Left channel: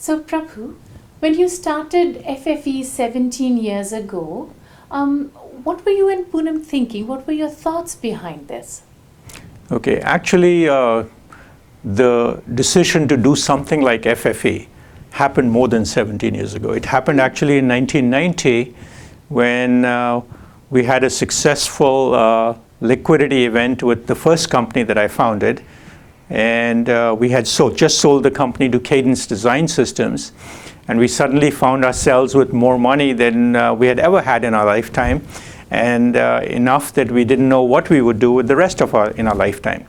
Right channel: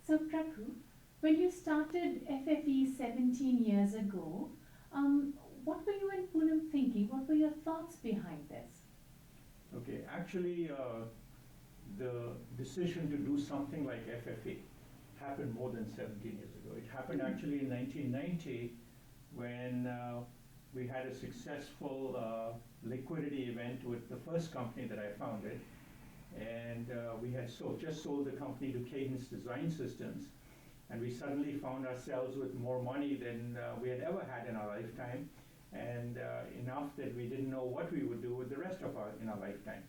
So Prabhu, when you started FFE 17 years ago, what were you and Poonam thinking? What were your thoughts behind this? Okay, actually the decision to do something like FFE happened more than 17 years ago. It happened actually in 1990 when we had a successful liquidity event with the first company that I founded. And we had just sold the company to Cadence Design Systems. And we suddenly found ourselves with more money than we had ever had in our lifetime, and enough that we didn't know what we would do with the rest of our lifetime.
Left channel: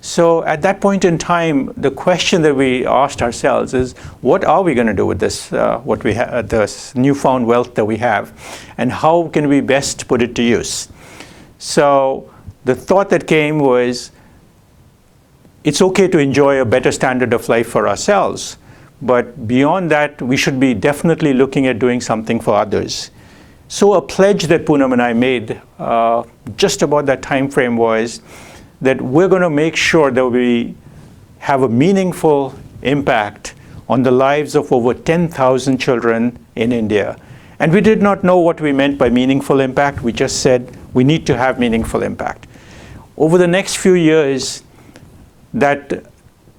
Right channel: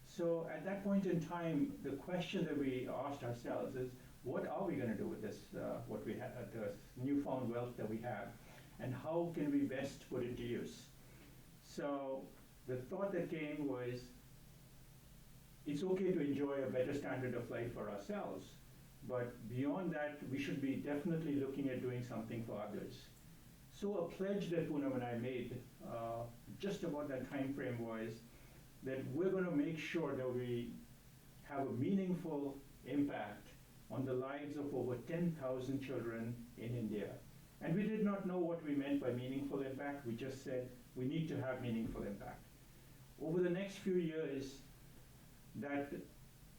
So at that point in time, the question that we asked ourselves is, what are we going to do with this, this newfound wealth that we have, and how can we best put it to use? So the thought that came was, it's okay to enjoy a better standard of life for ourselves, but beyond that, we should be definitely looking at doing something for others. So a pledge that Poonam and I made just about that time frame was that we're going to make sure that we have a meaningful impact on the lives of over 10,000 children in India. And we did not know what we meant by meaningful impact. We just said we need to have meaningful impact. Over the next few years, that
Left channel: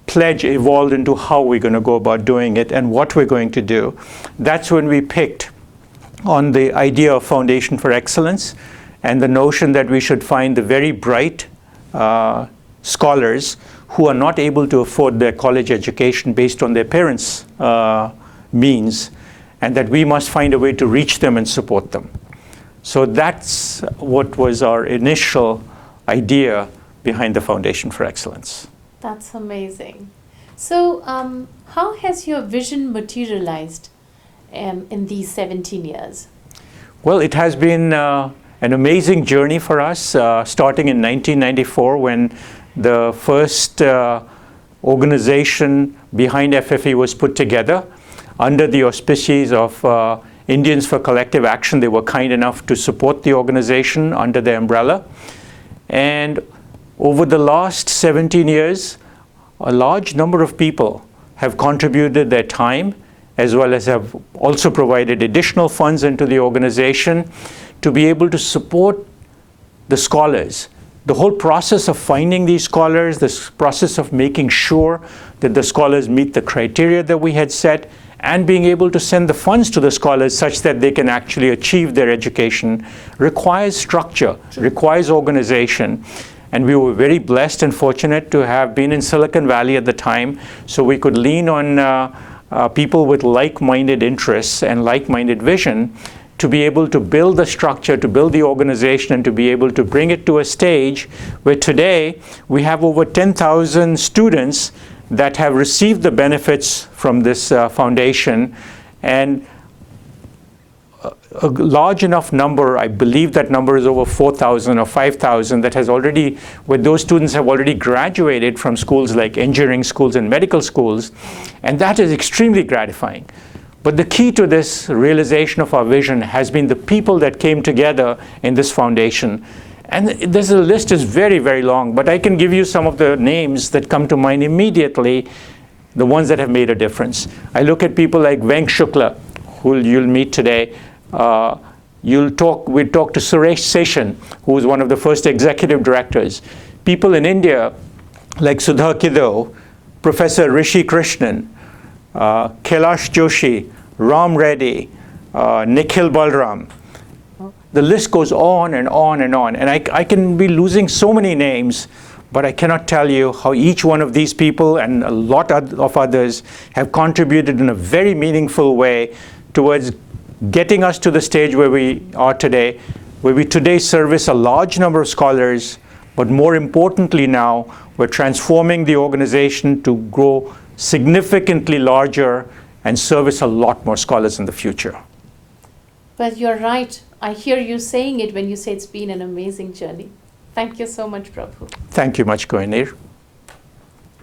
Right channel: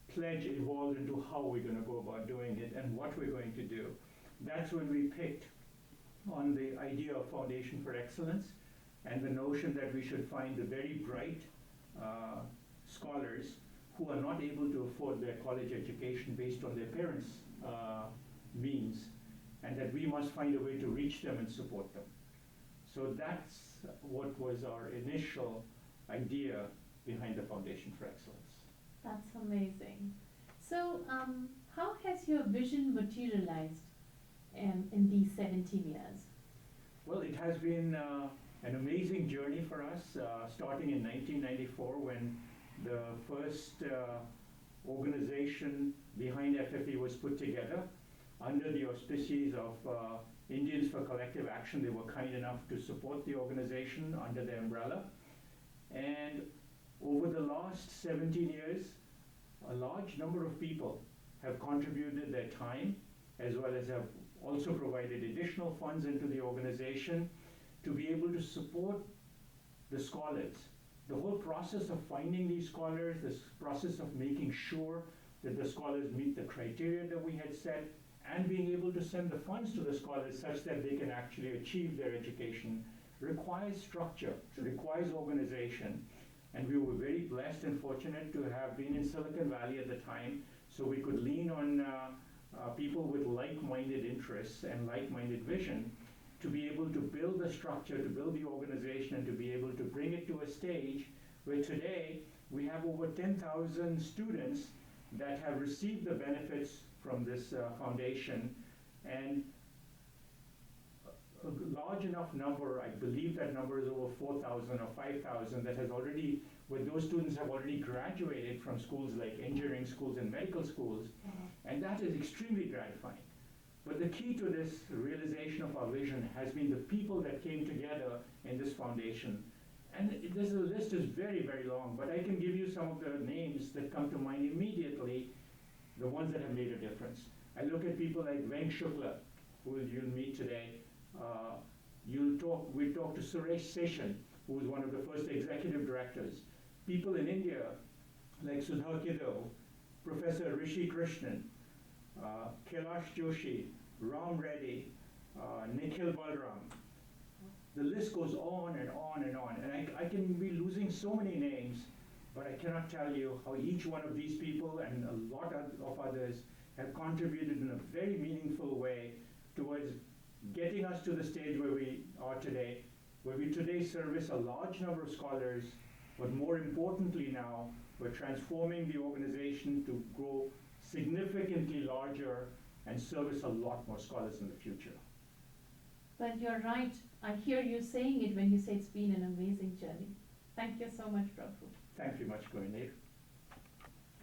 pledge evolved into how we're going to go about doing it and what we're going to do. That's when we picked on the idea of Foundation for Excellence and the notion that we should find the very bright scholars who are not able to afford their college education based on their parents' means, and that we must find a way to reach them and support them. So that's what was our initial idea behind the Foundation for Excellence. That's amazing. So how has your vision materialized in these 17 years? Well, it has been an amazing journey for us, starting in 1994 when the first organization behind FFE was put together under the auspices of Indians for Collective Action. They were kind enough to support the organization under their umbrella. And over the last 17 years, a large number of people have contributed their time, as well as have also provided additional funds into the organization to be able to support the scholars. The whole process of finding these scholars, this process of making sure that the scholars meet the criteria that we had set, and being able to send the funds to the scholars such that they can actually achieve their education, requires structure, requires organization. And we were very blessed and fortunate to have been in Silicon Valley at the time, so we could lean on people with like-minded interests and like-minded vision to be able to build the structure, to build the organization, and to be able to bring it to a stage where today we have over 10,000 students that have received the benefits from this foundation, and a large enough number, I believe that number is over 4,000 or 5,000, that has already, where those students have already graduated from schools like engineering schools and medical schools, and that is extremely gratifying. But the key to this realization of our vision has been the people that came together in this foundation. And this list is very, very long, but I can give you some of the names that come to mind immediately, the ones that have made a difference. I look at people like Venk Shukla, who you'll meet today. We'll talk to Suresh Seshan, who was one of the first executive directors. People in India like Sudha Kiddo, Professor Rishi Krishnan, Kailash Joshi, Ram Reddy, Nikhil Balram. The list goes on and on and on. And I can be losing so many names, but I cannot tell you how each one of these people and a lot of others have contributed in a very meaningful way towards getting us to the stage where we are today, where we today service a large number of scholars, but more importantly now, we're transforming the organization to grow significantly larger and service a lot more scholars in the future. But you're right. I hear you saying it when you say it's been an amazing journey. Thank you so much, Prabhu. Thank you much, Kohinir.